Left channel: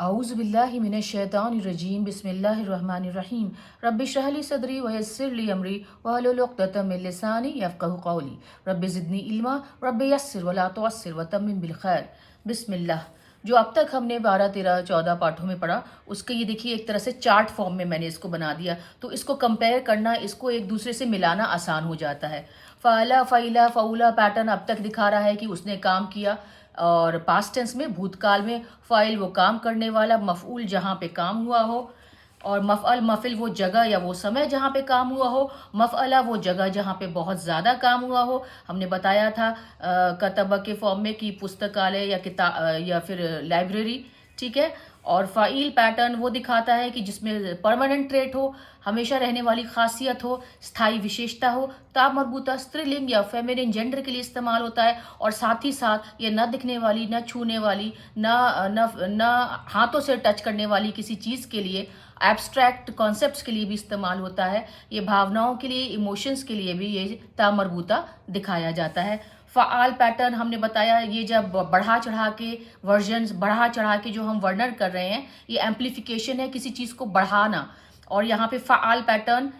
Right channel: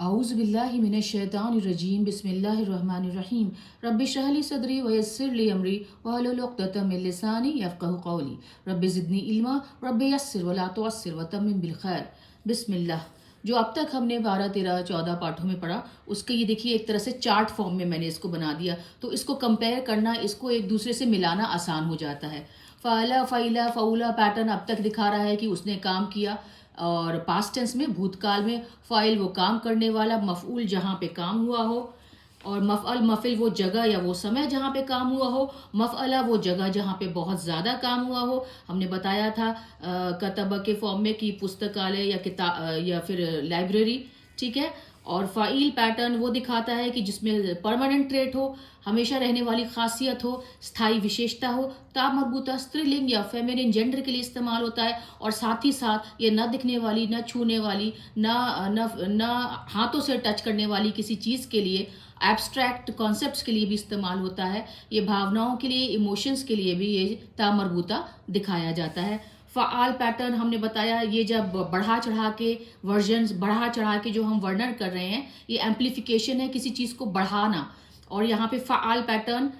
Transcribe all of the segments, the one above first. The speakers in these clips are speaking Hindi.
औज़ुबिल्लाहिमिनश्शैतानिर्रजीम बिस्मिल्लाहिर्रहमानिर्रहीम रब्बि इश्रह ली सदरी व यस्सिर ली अमरी वहलुल उक़दतम मिन लिसानी यफ़क़हू क़ौली रब्बि ज़िदनी इल्मा रब्बि यस्सिर वला तुअस्सिर वतम्मिम बिल खैर। बिस्मिल्लाह। जो अब तक हमने 12, 13, 14 पाठों में पढ़ा, उसके ये देखिए एक तरह से चार्ट फॉर्म में मैंने इसको बना दिया, तो इसको कंपेयर करना, इसको एक दूसरे से मिलाना आसान हो जाता है। फ़ाला फ़ईला फ़ऊला पैटर्न अब तक दिखा रहा है कि उसने काम किया, और पास्ट टेंस में भूतकाल में फ़ाइल वो काम करने वाला, मफ़ऊल जहाँ पे काम हुआ हो, और मफ़अल मफ़िल वो जगह या वो समय जहाँ पे काम हुआ हो, मफ़अला वो जगह जहाँ पे बहुत ज़्यादा काम हुआ हो। हमने बताया था कतबा के फॉर्म में कि पुस्तकालय या किताब या फिर लाइब्रेरी, ठीक है। और फ़ाइल पैटर्न वो दिखाता है कि जिसमें परमानेंट ट्रेट हो, हमेशा रहने वाली खासियत हो, स्थायी विशेषता हो, ता मरबूता स्त्रीलिंग या फेमिनिन जेंडर के लिए इस्तेमाल होता है, और साथ ही साथ ये न दिखने वाली, न छूने वाली, न हाथों से टच करने वाली किसी चीज़ के लिए, एब्स्ट्रैक्ट कॉन्सेप्ट्स के लिए भी इस्तेमाल होता है। ये भावनाओं के लिए, इमोशंस के लिए भी ये ता मरबूता दिखाया जाता है। फ़आल पैटर्न हमने बताया, ये जब बढ़ा चढ़ा के वर्जन्स, बढ़ा चढ़ा के जो हम वर्णन कर रहे हैं, ये एम्प्लीफिकेशन है, किसी चीज़ को बढ़ाना। और यहाँ पे फ़आल पैटर्न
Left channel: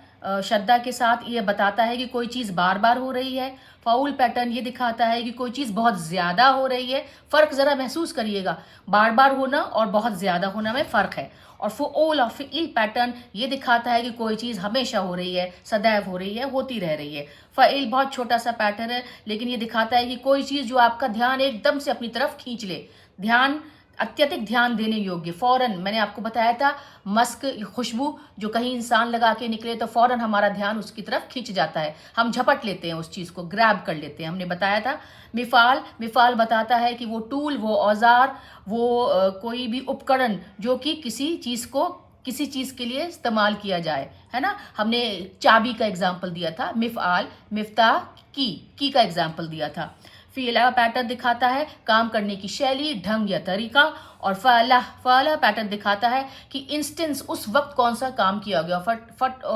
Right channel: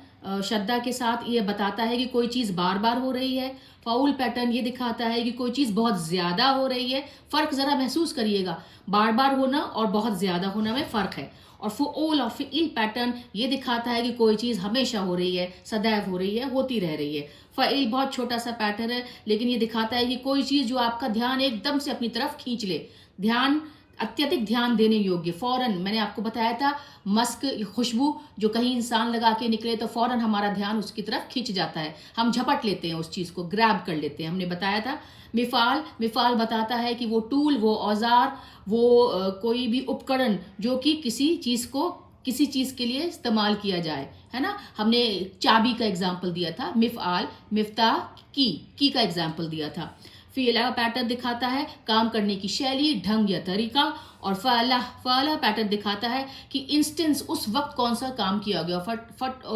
श्रद्धा के साथ ये बताता है कि कोई चीज़ बार बार हो रही है। फ़ाउल पैटर्न ये दिखाता है कि कोई चीज़ बहुत ज़्यादा हो रही है। फ़र्क ज़रा महसूस करिएगा, बार बार होना और बहुत ज़्यादा होना में फ़र्क है। और फ़ुऊल और फ़िइल पैटर्न ये दिखाता है कि कोई चीज़ हमेशा हो रही है, सदैव हो रही है, होती रह रही है। फ़इल बहुत छोटा सा पैटर्न है, लेकिन ये दिखाता है कि कोई चीज़ जो आपका ध्यान एकदम से अपनी तरफ खींच ले, ध्यान, अत्यधिक ध्यान देने योग्य, फ़ौरन। मैंने आपको बताया था मस्क, खुशबू जो कहीं इंसान लगा के निकले तो फ़ौरन हमारा ध्यान उसकी तरफ खींच जाता है, हम झपट लेते हैं, उस चीज़ को ग्रैब कर लेते हैं। हमने बताया था मिफ़ाल, मिफ़ाल बताता है कि वो टूल, वो औज़ार, वो कोई भी उपकरण जो कि किसी चीज़ को किसी चीज़ के लिए इस्तेमाल किया जाए, है ना। हमने चाबी का एग्जाम्पल दिया था, मिफ़आल, मिफ्ताह, की का एग्जाम्पल दिया था। फ़ीला पैटर्न दिखाता है काम करने की शैली, ढंग या तरीका। और फ़अला, फ़अला पैटर्न दिखाता है कि इंस्टेंस, उस वक्त कौन सा काम किया गया,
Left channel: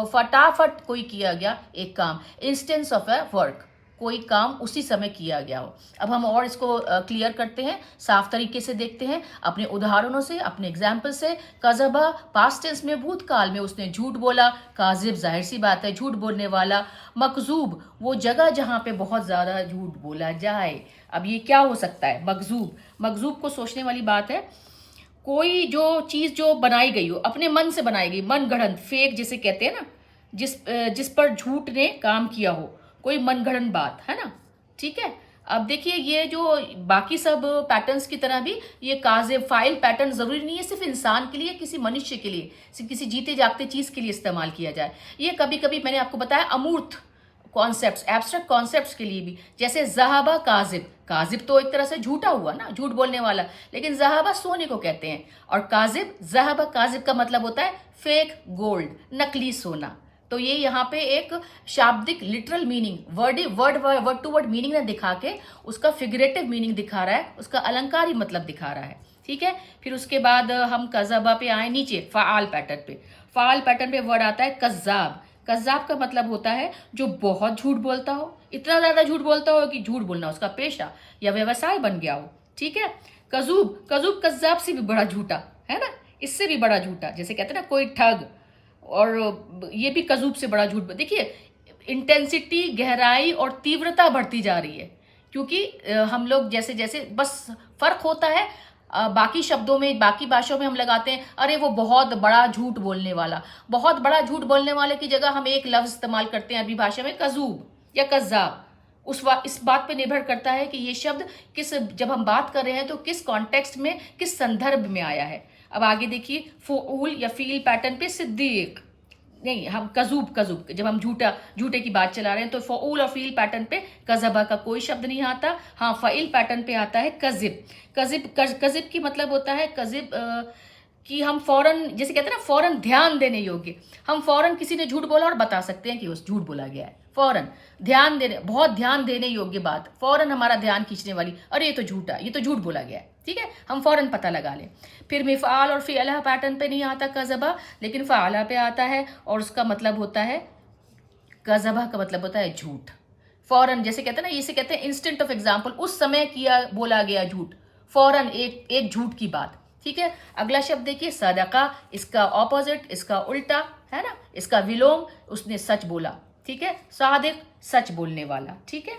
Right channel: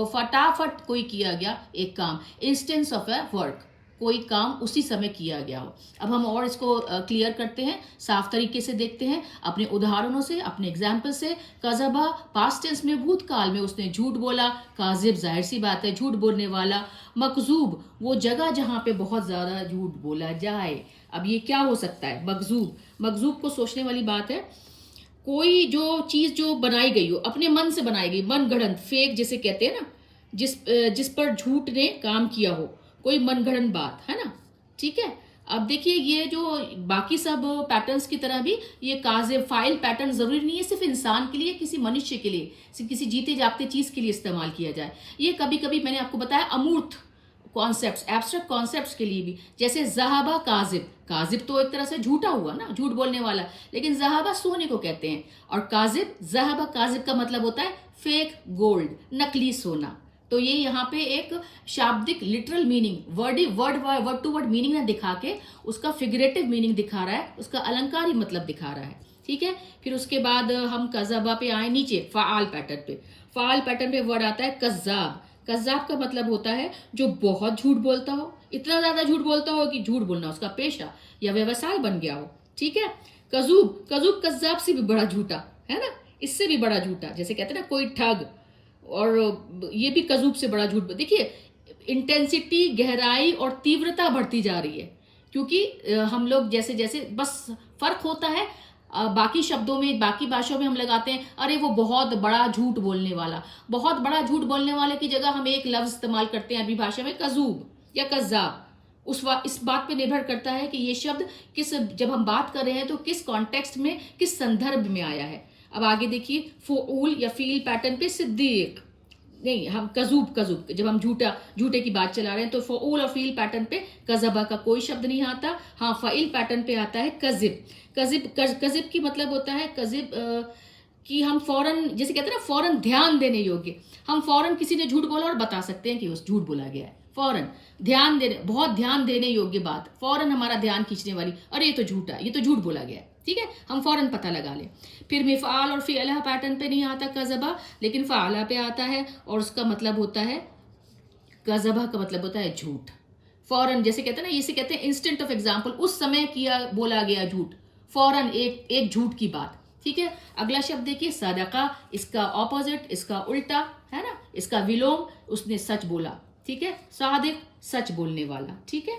फटाफट कोई किया गया एक काम, इंस्टेंस ऑफ अ वर्क, कोई काम उसी समय किया गया हो। अब हम और इसको क्लियर करते हैं, साफ तरीके से देखते हैं अपने उदाहरणों से, अपने एग्जाम्पल से। कज़बा पास्ट टेंस में, भूतकाल में उसने झूठ बोला। काजिब जाहिर सी बात है, झूठ बोलने वाला। मकजूब वो जगह जहाँ पे बहुत ज़्यादा झूठ बोला जाए। अब ये क्या हो सकता है? मकजूब, मकजूब को सोचने वाली बात है। कोई जो चीज़ जो बनाई गई हो, अपने मन से बनाई गई, मन गढ़ंत, फेक जिसे कहते हैं ना, जिस पर झूठ ने काम किया हो, कोई मनगढ़ंत बात, है ना, ठीक है। अब देखिए, ये जो बाकी सब पैटर्न्स की तरह भी ये काज़िब फ़ाइल पैटर्न ज़रूरी नहीं है सिर्फ इंसान के लिए, किसी मनुष्य के लिए, किसी जीते जागते चीज़ के लिए इस्तेमाल किया जाए। ये कभी कभी मैंने आपको बताया अमूर्त कॉन्सेप्ट्स, एब्स्ट्रैक्ट कॉन्सेप्ट्स के लिए भी, जैसे ज़हाबा काजिब, काजिब तो एक तरह से झूठा हुआ ना, झूठ बोलने वाला, लेकिन ज़हाबा सोने को कहते हैं। और काजिब, ज़हाबा काजिब का मतलब होता है फेक गोल्ड, नकली सोना। तो ये यहाँ पे एक शाब्दिक literal meaning, word to word meaning ना दिखा के उसका फिगरेटिव मीनिंग दिखा रहा है, उसका अलंकारी मतलब दिखा रहा है, ठीक है। फिर उसके बाद हम कज़बा पे आए, नीचे फ़आल पैटर्न पे। फ़आल पैटर्न पे वर्ड आता है कज़्ज़ाब। कज़्ज़ाब का मतलब होता है जो बहुत झूठ बोलता हो, इतना ज़्यादा झूठ बोलता हो कि झूठ बोलना उसका पेशा या व्यवसाय बन गया हो, ठीक है। कज़ूब, कज़ूब कज़्ज़ाब से भी बड़ा झूठा, है ना, इससे भी बड़ा झूठा, जैसे कहते हैं ना कोई ठग, और ये भी कज़ूब से बड़ा झूठ। देखिए, इंटेंसिटी, गहराई और तीव्रता बढ़ती जा रही है, क्योंकि हम लोग जैसे जैसे, बस फर्क होता है बाकी शब्दों में, बाकी भाषाओं में हम लगाते हैं अरे वो बहुत बड़ा झूठ बोलने वाला, बहुत बड़ा झूठ बोलने वाले की जगह हम एक लफ्ज इस्तेमाल करते हैं अरबी भाषा में, कज़ूब या कज़्ज़ाब। इस बात पे निर्भर करता है कि ये शब्द किस, जब हम बात कर रहे हैं तो किस कॉन्टेक्स्ट में, किस संदर्भ में आया है। अब आगे देखिए, फ़ुऊल या फ़ील पैटर्न पे सिद्दीक, नहीं, हम कज़ूब, कज़ूब जब हम झूठे की बात चला रहे हैं तो फ़ऊल और फ़ील पैटर्न पे कज़बा का कोई शब्द नहीं आता। हाँ, फ़इल पैटर्न पे आता है कज़िब। कज़िब की मतलब होता है कज़िब कि हम फौरन, जैसे कहते हैं ना फौरन ध्यान देने योग्य, हम फौरन किसी ने झूठ बोला और बता सकते हैं कि उस झूठ बोला गया है, फौरन ध्यान देने, बहुत ध्यान देने योग्य बात, फौरन हमारा ध्यान खींचने वाली, अरे ये तो झूठा, ये तो झूठ बोला गया है, ठीक है, हम फौरन पता लगा लें। फिर मिफ़आल और फ़िअला पैटर्न पे नहीं आता कज़बा, लेकिन फ़अला पे आता है, और उसका मतलब होता है, कज़बा का मतलब होता है झूठ, फौरन, जैसे कहते हैं ना, इसे कहते हैं इंस्टेंट ऑफ एग्जाम्पल, उस समय किया बोला गया झूठ, फौरन एक एक झूठ की बात, ठीक है। अगला शब्द देखिए सदका, इसका ऑपोजिट, इसका उल्टा, है ना, इसका विलोम, उसने सच बोला, ठीक है। सादिक, सच बोलने वाला, ठीक है।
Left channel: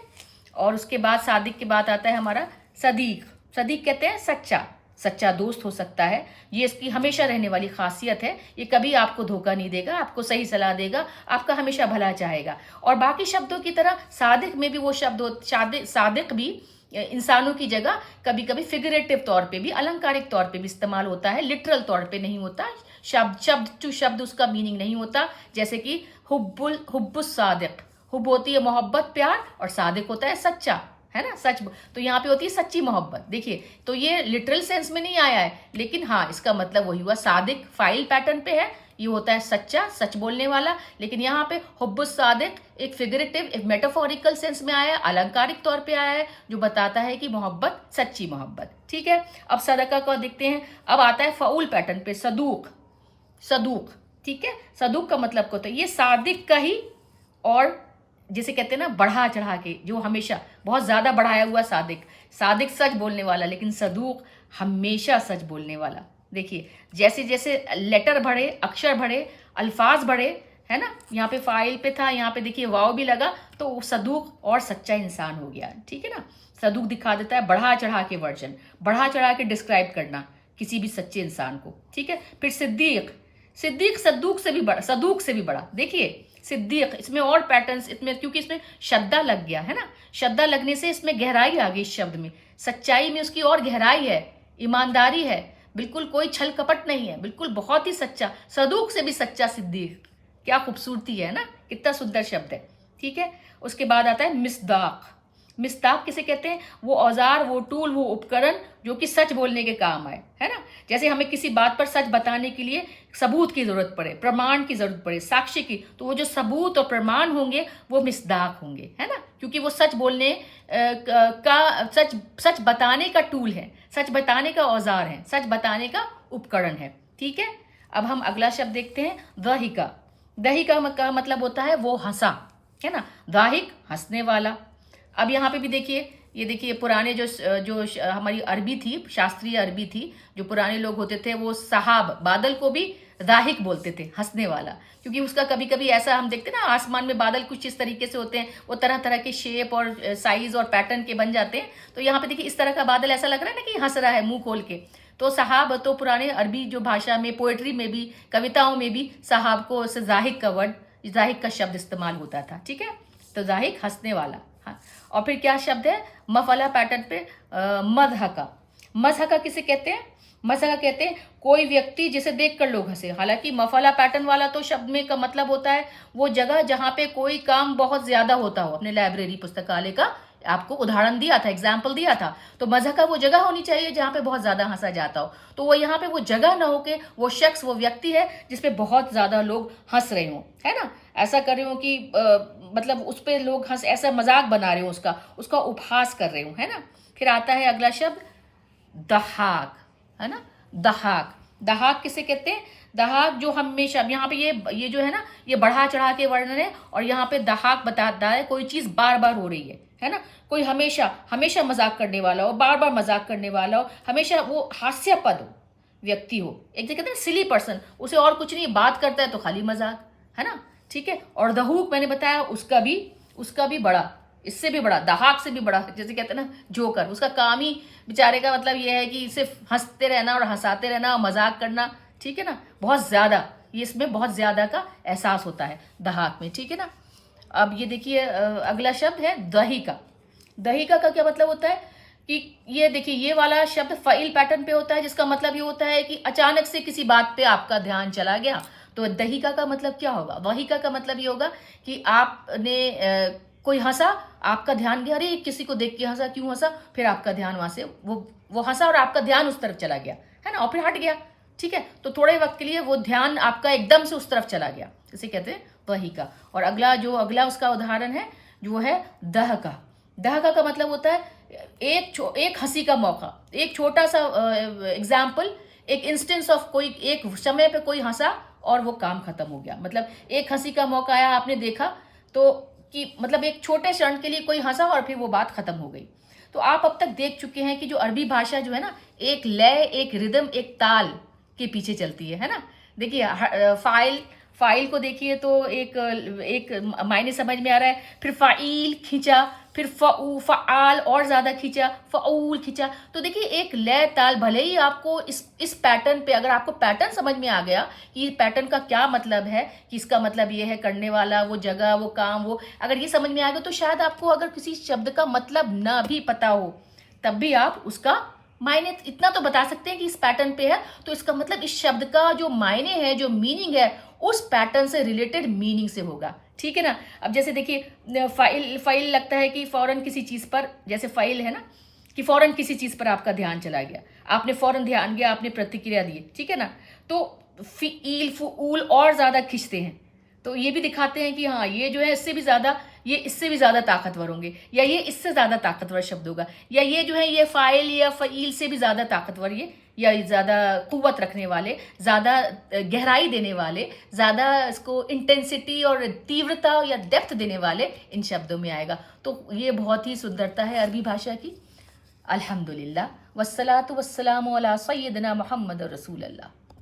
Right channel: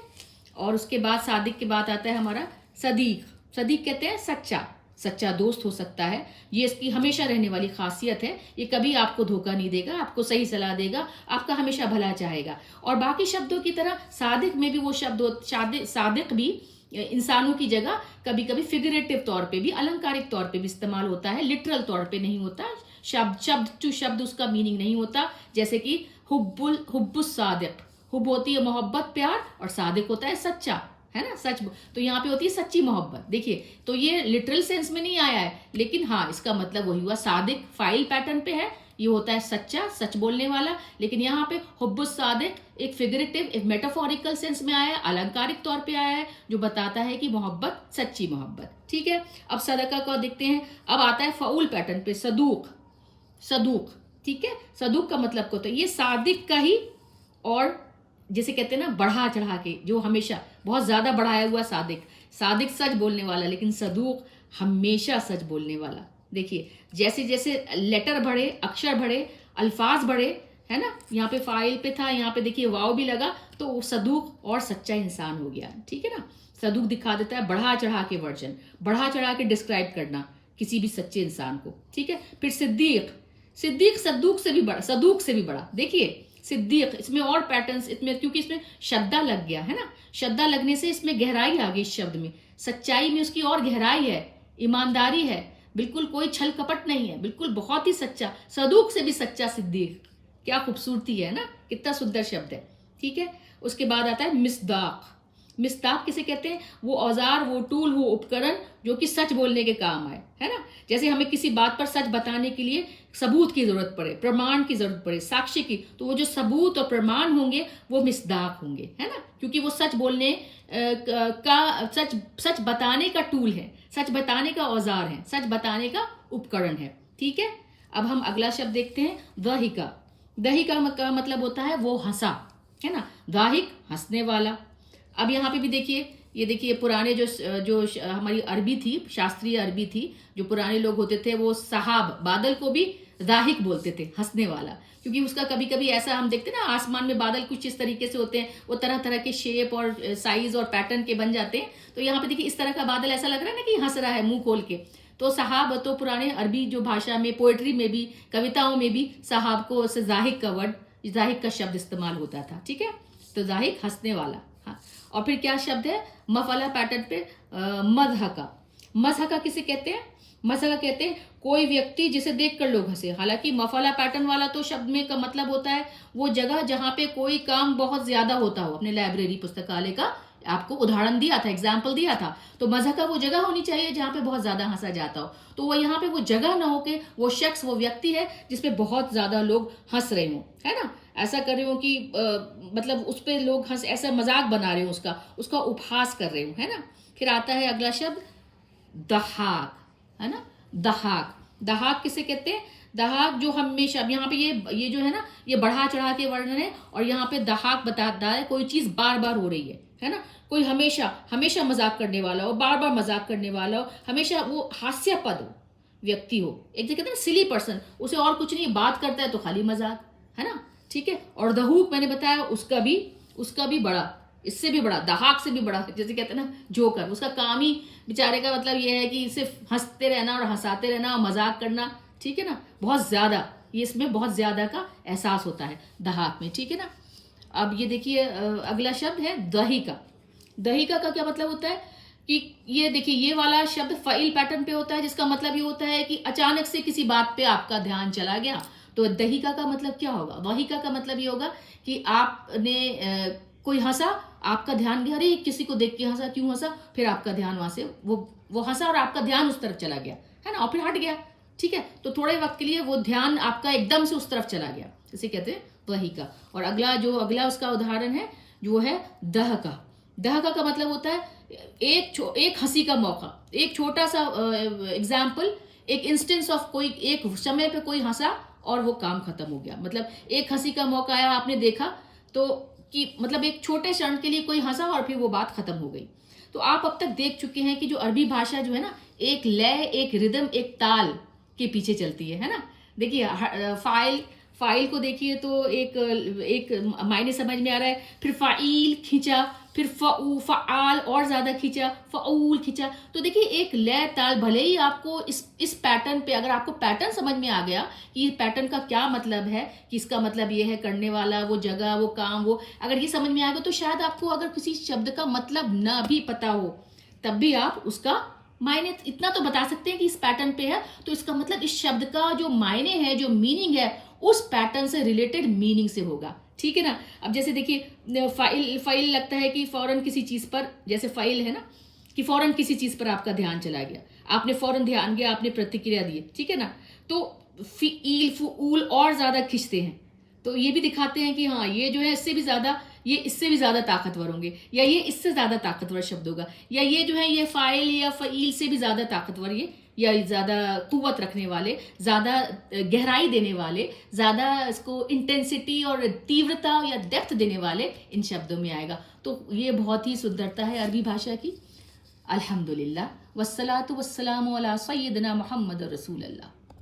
और उसके बाद सादिक के बाद आता है हमारा सदीक। सदीक कहते हैं सच्चा, सच्चा दोस्त हो सकता है। ये इसकी हमेशा रहने वाली खासियत है, ये कभी आपको धोखा नहीं देगा, आपको सही सलाह देगा, आपका हमेशा भला चाहेगा। और बाकी शब्दों की तरह सादिक में भी वो शब्द सादिक भी इंसानों की जगह कभी कभी फिगरेटिव तौर पे भी, अलंकारिक तौर पे भी इस्तेमाल होता है, लिटरल तौर पे नहीं होता। शब्द टू शब्द उसका मीनिंग नहीं होता। जैसे कि हुब्बुस सादिक, हुब होती है मोहब्बत प्यार, और सादिक होता है सच्चा, है ना, सच। तो यहाँ पे होती है सच्ची मोहब्बत। देखिए, तो ये लिटरल सेंस में नहीं आया है, लेकिन हाँ इसका मतलब वही हुआ। सादिक फाइल पैटर्न पे है, ये होता है सच्चा, सच बोलने वाला। लेकिन यहाँ पे हुब्बुस सादिक एक फिगरेटिव, एक मेटाफोरिकल सेंस में आया है, अलंकारिक तौर पे आया है, जो बताता है कि मोहब्बत सच्ची मोहब्बत, ठीक है। अब सदका को देखते हैं। अब आता है फाउल पैटर्न पे, सदूक। सदूक, ठीक है। सदूक का मतलब क्या होता है? ये सादिक का ही, और जिसे कहते हैं ना बढ़ा चढ़ा के, जो हमेशा बहुत ज्यादा बढ़ाया हुआ सादिक। सादिक सच बोलने वाला, लेकिन सदूक हमेशा सच बोलने वाला। देखिए, जैसे जैसे लेटर बढ़े, अक्षर बढ़े, अल्फाज बढ़े, है ना, यहाँ पे फाइल पे था, यहाँ पे देखिए वाव भी लगा, तो सदूक और सच्चा इंसान हो गया, ठीक है ना। सदूक दिखा देता है बढ़ा चढ़ा के वर्जन, बढ़ा चढ़ा के डिस्क्राइब करना किसी भी सच्चे इंसान को, ठीक है। फिर सिद्दीक। सिद्दीक सदूक से भी बड़ा, सदूक से भी बड़ा। देखिए सिद्दीक, इसमें और पैटर्न्स, इसमें क्योंकि इसमें शद्दा लग गया है ना, शद्दा लगने से इसमें गहराई आ गई इस शब्द में, सच्चाई में उसकी और गहराई है, ईमानदारी है, बिल्कुल कोई छल कपट नहीं है, बिल्कुल बहुत ही सच्चा, सदूक से भी सच्चा सिद्दीक। क्या खूबसूरती है ना, कितना सुंदर शब्द है, ठीक है। उसके बाद आता है मिस्दाक। मिस्दाक किसे कहते हैं? वो औजार, वो टूल, वो उपकरण जो कि सच बोलने के काम आए, है ना। जैसे हमें किसी बात पर सच बताने के लिए सबूत की जरूरत पड़े, प्रमाण की जरूरत पड़े, साक्ष्य की, तो वो जो सबूत और प्रमाण होंगे वो मिस्दाक होंगे, है ना, क्योंकि वो सच बोलने का, सच बताने का टूल है, सच बताने का औजार है, सच बताने का उपकरण है, ठीक है। अब हम अगला शब्द देखते हैं, दहिका। दहिका का मतलब होता है वो हंसा, है ना, दाहिक हंसने वाला। अब यहाँ पे भी देखिए, ये देखिए पुराने जो हमारी अरबी थी, शास्त्रीय अरबी थी, जो पुराने लोग होते थे वो सहाब, बादल को भी दाहिक बोलते थे, हंसने वाला, क्योंकि उसका कभी कभी ऐसा हम देखते ना, आसमान में बादल कुछ इस तरीके से होते हैं, वो तरह तरह के शेप और साइज और पैटर्न के बन जाते हैं। तो यहाँ पे देखिए इस तरह का बादल ऐसा लग रहा है ना कि हंस रहा है मुंह खोल के। तो सहाब, तो पुराने अरबी जो भाषा में, पोएट्री में भी, कविताओं में भी सहाब को जाहिक का वर्ड, जाहिक का शब्द इस्तेमाल होता था, ठीक है। तो जाहिक हंसने वाला, हाँ। और फिर क्या शब्द है मफला पैटर्न पे, मजहका। मजहका किसे कहते हैं? मजहका कहते हैं कोई व्यक्ति जिसे देखकर लोग हंसे। हालांकि मफला पैटर्न वाला तो शब्द में का मतलब होता है वो जगह जहां पे कोई काम बहुत ज्यादा होता हो। अपने लाइब्रेरी पुस्तकालय का आपको उदाहरण दिया था, एग्जाम्पल दिया था। तो मजहका वो जगह होनी चाहिए जहां पे बहुत ज्यादा हंसा जाता हो। तो वो यहाँ पे वो जगह ना होके वो शख्स, वो व्यक्ति है जिसपे बहुत ज्यादा लोग हंस रहे हो, है ना, ऐसा कर रहे हो कि मतलब उस पर लोग हंस, ऐसा मजाक बना रहे हो, उसका उपहास कर रहे हो, है ना। फिर आता है अगला शब्द दहाक, है ना। दहाक, दहाक किसे कहते हैं? दहाक जो हमेशा, यहाँ पे ये जो है ना, ये बढ़ा चढ़ा के वर्णन है, और यहाँ पे दहाक बताता है कोई चीज बार बार हो रही है ना। कोई हमेशा हमेशा मजाक करने वाला हो, बार बार मजाक करने वाला हो, हमेशा वो हास्यास्पद व्यक्ति हो, एक जगह कहते हैं सिली पर्सन, उसे और कुछ नहीं, बात करता है तो खाली मजाक, है ना, ठीक है। और दहूक मैंने बताया उसका भी बड़ा, इससे भी बड़ा, दहाक से भी बड़ा, जैसे कहते हैं ना जोकर, उसका काम ही बेचारे का मतलब ये है कि सिर्फ हंसते रहना और हंसाते रहना और मजाक करना, ठीक है ना, बहुत ज्यादा, ये इसमें बहुत ज्यादा का एहसास होता है दहाक में, ठीक है ना। अब ये देखिए अगला शब्द है दहिका। दहिका का क्या मतलब होता है कि ये देखिए, ये वाला शब्द फाइल पैटर्न पे होता है, जिसका मतलब ये होता है कि अचानक से किसी बात पे आपका ध्यान चला गया। तो दहिका का मतलब क्या होगा? दहिका का मतलब ये होगा कि आपने कोई हंसा, आपका ध्यान गया, अरे किसी को देख के हंसा, क्यों हंसा, फिर आपका ध्यान वहां से वो हंसा और आपका ध्यान उस तरफ चला गया, है ना, और फिर हट गया, ठीक है। तो थोड़े वक्त के लिए वो ध्यान आपका एकदम से उस तरफ चला गया, इसे कहते हैं दहिका। और अगला उसका उदाहरण है जो है दहका। दहका का मतलब होता है एक हंसी का मौका, एक छोटा सा एग्जाम्पल, एक इंस्टेंस ऑफ, कोई एक समय पे कोई हंसा और वो काम खत्म हो गया। मतलब एक हंसी का मौका आया, आपने देखा तो कि मतलब एक छोटे क्षण के लिए कोई हंसा और फिर वो बात खत्म हो गई। तो आप अब तक देख चुके हैं कि जो अरबी भाषा जो है ना, एक लय, एक रिदम, एक ताल के पीछे चलती है ना। देखिए फाइल को देखिए तो एक मायने समझ में आ रहा है, फिर फाइल खींचा, फिर फ़आल और ज़्यादा खींचा, फ़ऊल खींचा। तो देखिए एक लय ताल, भले ही आपको इस पैटर्न पे, अगर आपको पैटर्न समझ में आ गया कि ये पैटर्न का क्या मतलब है, कि इसका मतलब ये है करने वाला, वो जगह, वो काम, वो अगर ये समझ में आ गया, तो शायद आपको अगर किसी शब्द का मतलब ना भी पता हो तब भी आप उसका मायने इतना तो बता सकते हैं कि इस पैटर्न पे है, तो इसका मतलब इस शब्द का जो मायने है, जो मीनिंग है, उस पैटर्न से रिलेटेड मीनिंग से होगा। ठीक है ना। अब जैसे देखिए फाइल लगता है कि फौरन किसी चीज पर, जैसे फाइल है ना, कि फौरन किसी चीज पर आपका ध्यान चला गया, आपने फौरन ध्यान गया, आपने प्रतिक्रिया दी। ठीक है ना। तो फील फूल और ज्यादा खींचते हैं, तो ये भी दिखाते हैं कि हाँ ये जो है ये इससे भी ज्यादा ताकतवर होंगे, या ये इससे ज्यादा ताकतवर शब्द होगा, या ये जो है ये फाइल या फईल से भी ज्यादा ताकतवर, ये या ज्यादा कुव्वत रखने वाले, ज्यादा गहराई देने वाले, ज्यादा इसको इंटेंसिटी और तीव्रता या डेप्थ देने वाले इन शब्दों में आएगा। तो ये बहुत ही सुंदरता है अरबी भाषा की। अल्हम्दुलिल्लाह वस्सलातु वस्सलामु अला सय्यिदना मुहम्मद रसूलुल्लाह।